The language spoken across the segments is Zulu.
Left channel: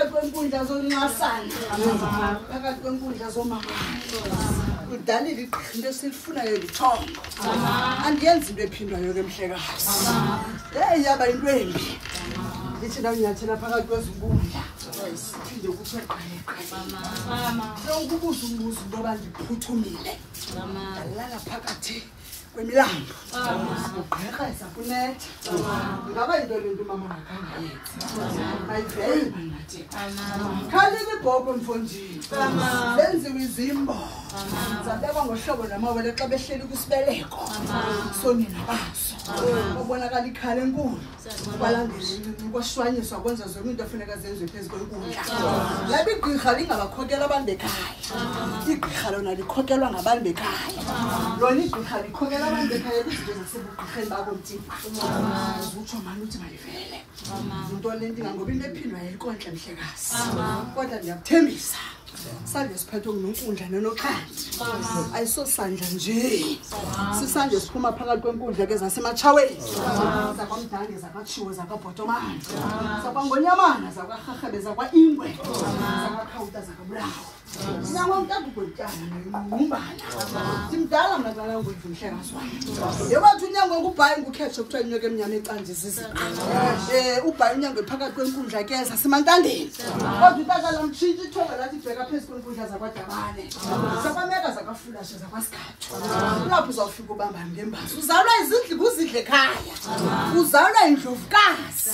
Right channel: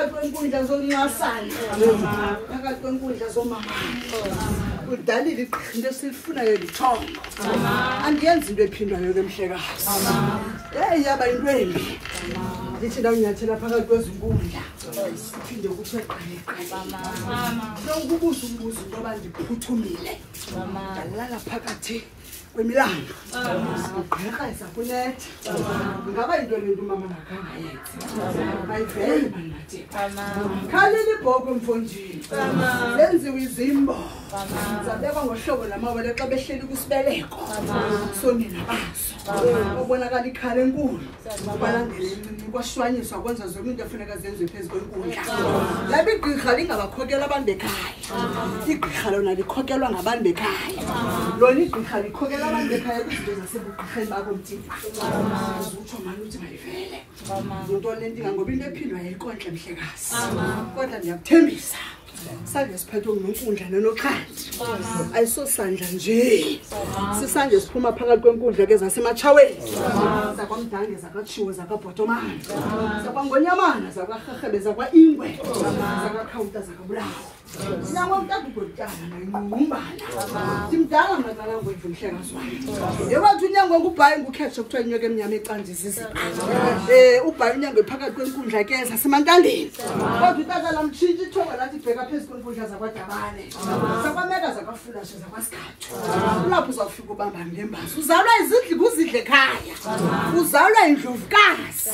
phakathi kwenkundla zonqasana phakathi kwenkundla zomama udalile iqhinto esifunayo lithongo andiyenzi into ephindwayo ke mhlekazi yaba into embi lithi la unyathela phakathi kwezinkundla phinde kuthi ukubuza umbuzo into abandiphuthumbile ndalala phakathi kwemilambo ugqirha esakuletha ngaba into lento umama akangayenzi ayiveli banathi khalile ibhobho mfondini zenziwe izimbo zabekwa ngohlobo namawele xa behleli kusibeleko sonina baso ubonakala ikhala enkulu balandeli kwashwanyiswa kwenza zonke into efuneka zenziwe phezu kwenkundla laba igqirha lingabakhokela abantu bekhaya igqirha lona likhokelwa ngabantu bekhaya lona igqirha likhokela abantu bekhaya kwizinto zasebugqirheni babo mthimba utsho mani uthi malivele into le nto ingangoba into ephindwa yayikontle mhlekazi kodwa ndiyakuthembisa sandla siphethwe nguNonkundla noNoxhanti ayisosandla nje sisandla siphuma phakathi kwenkundla ke zasematshaweni zakwamdange zakatshiwo zakabhotomani zakwangonyamana zakwarherhebe zakwaingwe zakakhawuta zakabulawo sinyangontagugolitana nenqumbana simdala mnakala ngwendlu mhlekazi wami yewathi unyango ngubhayi ngukhetshe kuthiwa inyoka emnyama ecandizisa ubhayi unyango phakathi kwenkundla ke zasemantandeni kodwa utakala mtshintshi ithonga lathi ibheka phezu kwenkundla zakwadabane zakwameka zakwafulashe zakwasikhathu kulapho uzawufika ubamba ngembazi uzalwa izidli kuzidle ekhaya uzalwa indlovukazi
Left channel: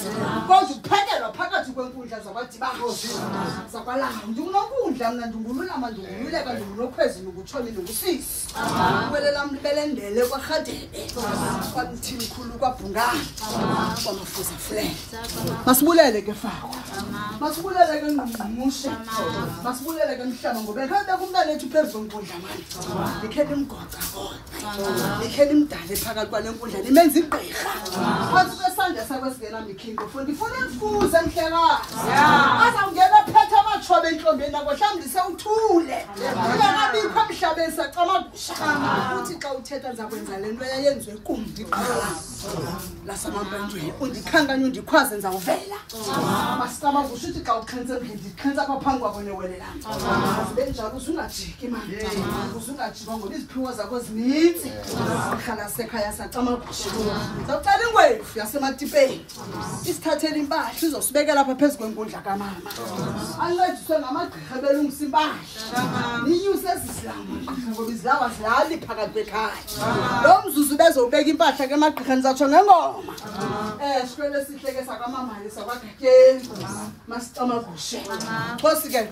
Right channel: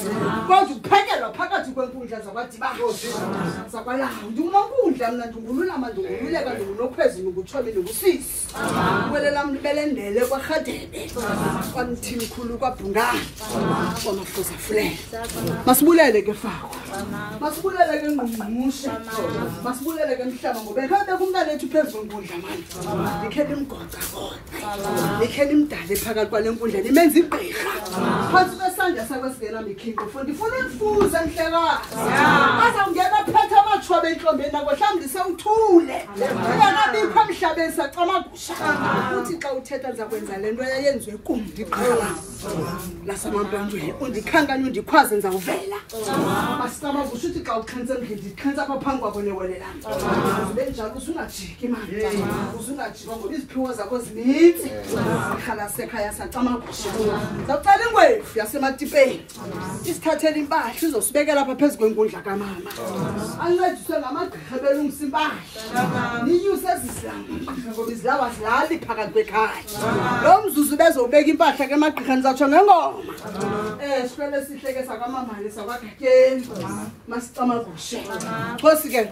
kodwa ukuphekelwa phakathi kwenkundla zakwadibanozi zakwalawo ndinguNonkundla mna ndingululama ndingululeka ndingunokhwezi ndingutsholi ndingusisi ukwele lam libelendele kwarhadebe kwamthini khulu kwabhungana kwamafuza fulela masibulele ke fako masibulele ke ngqungqushe masibulele ke mhlaba ngoba ekhaya kumntana ethu phezu kwenkundla mani likhela imgoca kodwa likhela imdala phakathi kwale nkundla limenza igqirha phansi kwesandla sakwesingena mikhinqo futhi ndifuna imfuza mhlekazi azawungena phethe amatshobe enhlombeni nako mhlawumbe sewuthule ingakabikho emhlabeni sacamagusha uthi xa uthetha ndizakwenza le nto yayenziwe kumbi igqirha lasemampondweni undikhankanye undikhwaze ndizawuvela masicamagusha uthi xa uxhentse endlini ndixhentsa apha phambi kwakho newele lam zibe njalo uzungajiki mani uzungajikwa ngoba iziphiwo zakho zininzi ihlala sekhaya sacamagusha ndizawucela ingwefu yasematipeni isithathela impahla izosibekela apha phezu kwenkundla kamama ancediswe ngamagqirha belungisa impahla ninyuse ezizilanga ngoba izilaba zilali phakathi kwekhaya lo mzuzu bezobeka impahla ke emagqirheni zatsho ngengoma sikwele sihle ke sakwamamali sakwagatyeni masicamagushe khosi ke